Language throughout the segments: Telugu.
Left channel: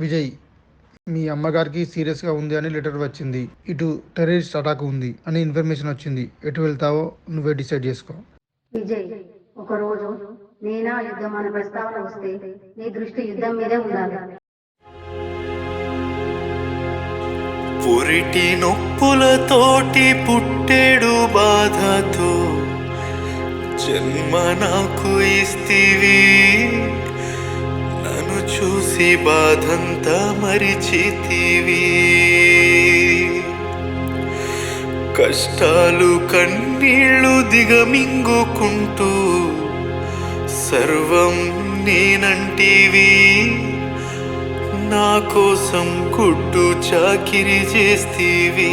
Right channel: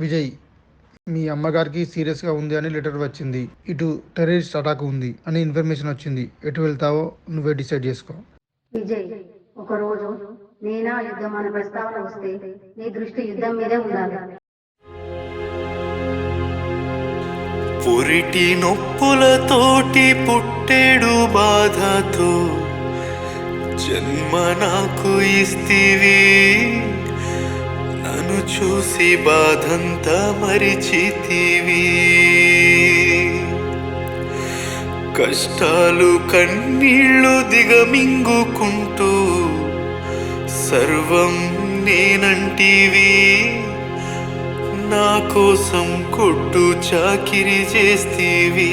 విజయ్, మీ అమ్మగారికి సీరియస్గా ఉంది అని లెటర్ వచ్చింది. ఇటు టెర్రరిస్ట్ అటాక్ ఉంది అని ఇన్ఫర్మేషన్ వచ్చింది. ఎటు వెళ్తావో నువ్వే డిసైడ్ చేసుకో. విజయ్, ఒకరోజు నేనా యుద్ధం అనే ప్రస్తావన వస్తే నీ దృష్టి యుద్ధం మీదే ఉండాలి. పురిటి నొప్పులతోటి పుట్టేడు బాధతో జన్మ నాకు ఇస్తివి. నన్ను చూసి బాధంతా మరిచితివి. కష్టాలు కన్నీళ్ళు దిగమింగుకుంటూ సర్వం నేనంటివి. నా కోసం గుడ్డు చాకిరి చేస్తీవి.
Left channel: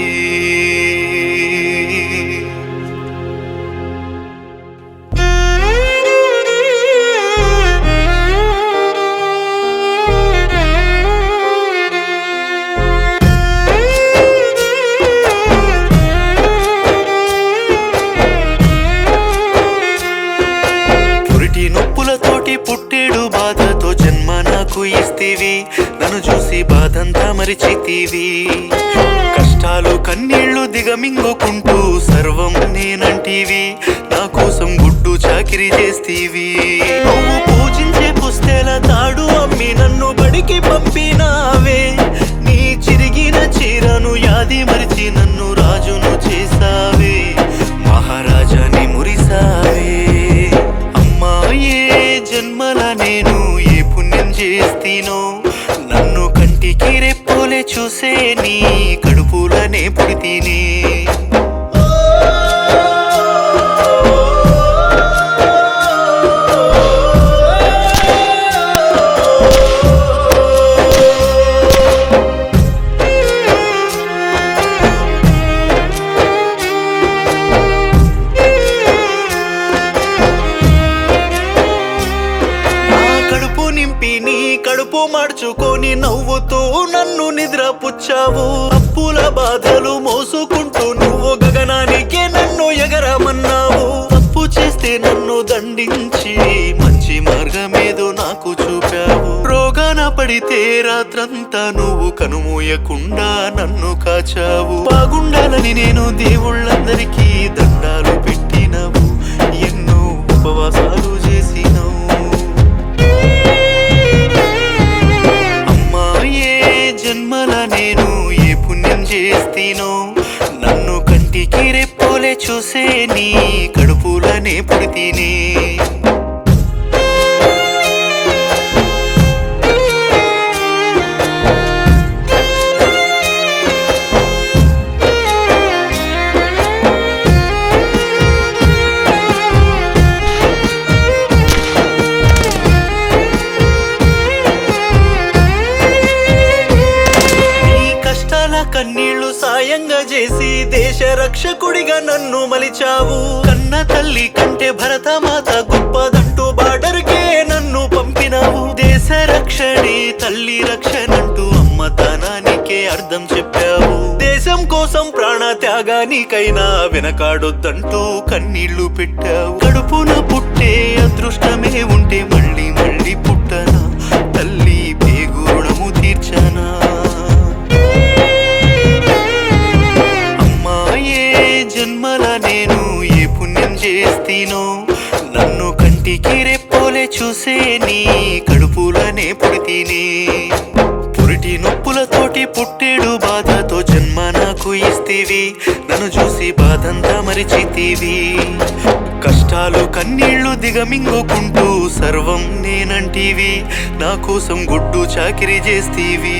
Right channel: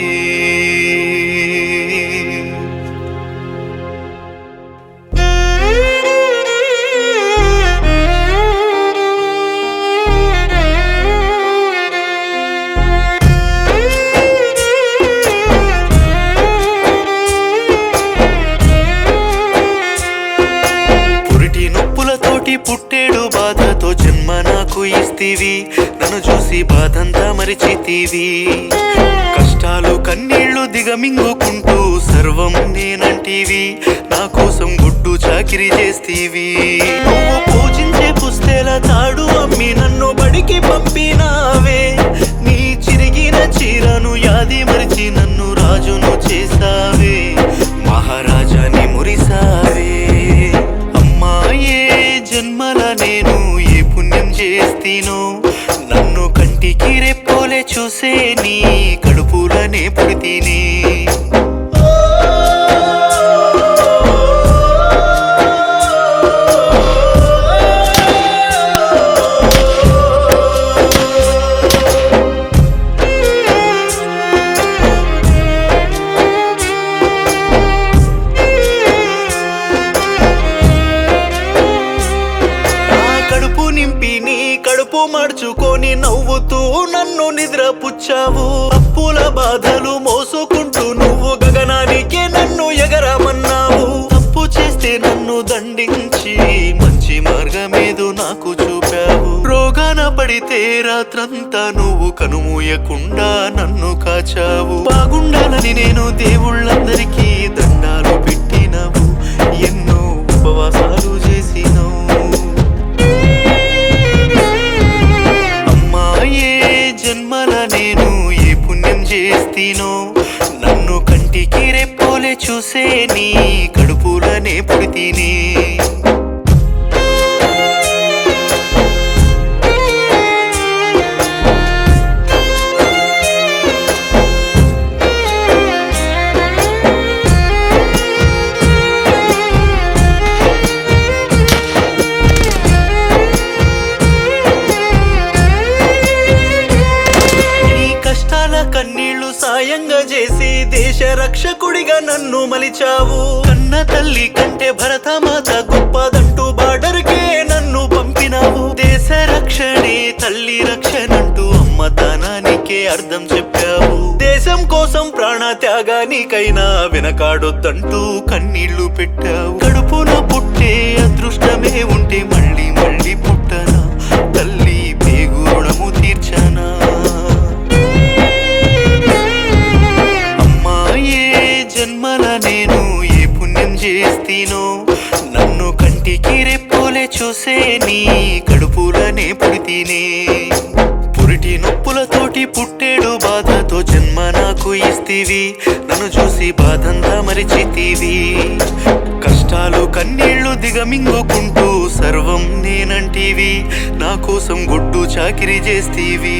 పురిటి నొప్పులతోటి పుట్టేడు బాధతో జన్మ నాకు ఇస్తివి. నన్ను చూసి బాధంతా మరిచితివి. కష్టాలు కన్నీళ్లు దిగమింగుకుంటూ సర్వం నేనంటివి. నా కోసం గుడ్డు చాకిరి చేస్తీవి. నువ్వు పూజించే పుస్తెల తాడు అమ్మి నన్ను బడికి పంపినావే. నీ చిరిగిన చీరను యాది మరిచి నన్ను రాజును చేసావే. మహారాజాని మురిసావే. అమ్మా, ఏ జన్మల నేను ఏ పుణ్యం చేస్తీనో నన్ను కంటికి రెప్పోలే చూసే నీ కడుపులనే పుడితీని. కడుపు నింపి నీ కడుపు మార్చుకొని నవ్వుతూ నన్ను నిద్రపుచ్చావు. అప్పుల బాధలు మోసుకుంటూ నువ్వు గగనానికే నన్ను ఎగరమన్నావు. తప్పు చేస్తే నన్ను దండించి మంచి మార్గమేదో నాకు చూపావు. రోగాన పడితే రాత్రంతా నువ్వు కనుమూయకుండా నన్ను కాచావు. బాగుండాలని నేను దేవుళ్ళందరికీ దండాలు పెట్టినవు. ఎన్నో ఉపవాసాలు చేసినవు. ఏ జన్మల నేను ఏ పుణ్యం చేస్తీనో నన్ను కంటికి రెప్పోలే చూసే నీ కడుపులనే పుడితీని. కష్టాల కన్నీళ్లు సాయంగా చేసి దేశ రక్షకుడిగా నన్ను మలిచావు. కన్న తల్లి కంటే భరతమాత గొప్పదంటూ బార్డర్కే నన్ను పంపినావు. దేశ రక్షణే తల్లి రక్షణంటూ అమ్మతనానికే అర్థం చెప్పావు. దేశం కోసం ప్రాణ త్యాగానికైనా వెనకాడొద్దంటూ కన్నీళ్లు పెట్టావు. కడుపున పుట్టే అదృష్టమే ఉంటే మళ్ళీ మళ్ళీ పుట్టనా తల్లి, పేగు రుణము తీర్చనా. ఏ జన్మల నేను ఏ పుణ్యం చేస్తీనో నన్ను కంటికి రెప్పోలే చూసే నీ కడుపులనే పుడితీని. పురిటి నొప్పులతోటి పుట్టేడు బాధతో జన్మ నాకు ఇస్తివి. నన్ను చూసి బాధంతా మరిచితివి. కష్టాలు కన్నీళ్లు దిగమింగుకుంటూ సర్వం నేనంటివి. నా కోసం గుడ్డు చాకిరి చేస్తీవి.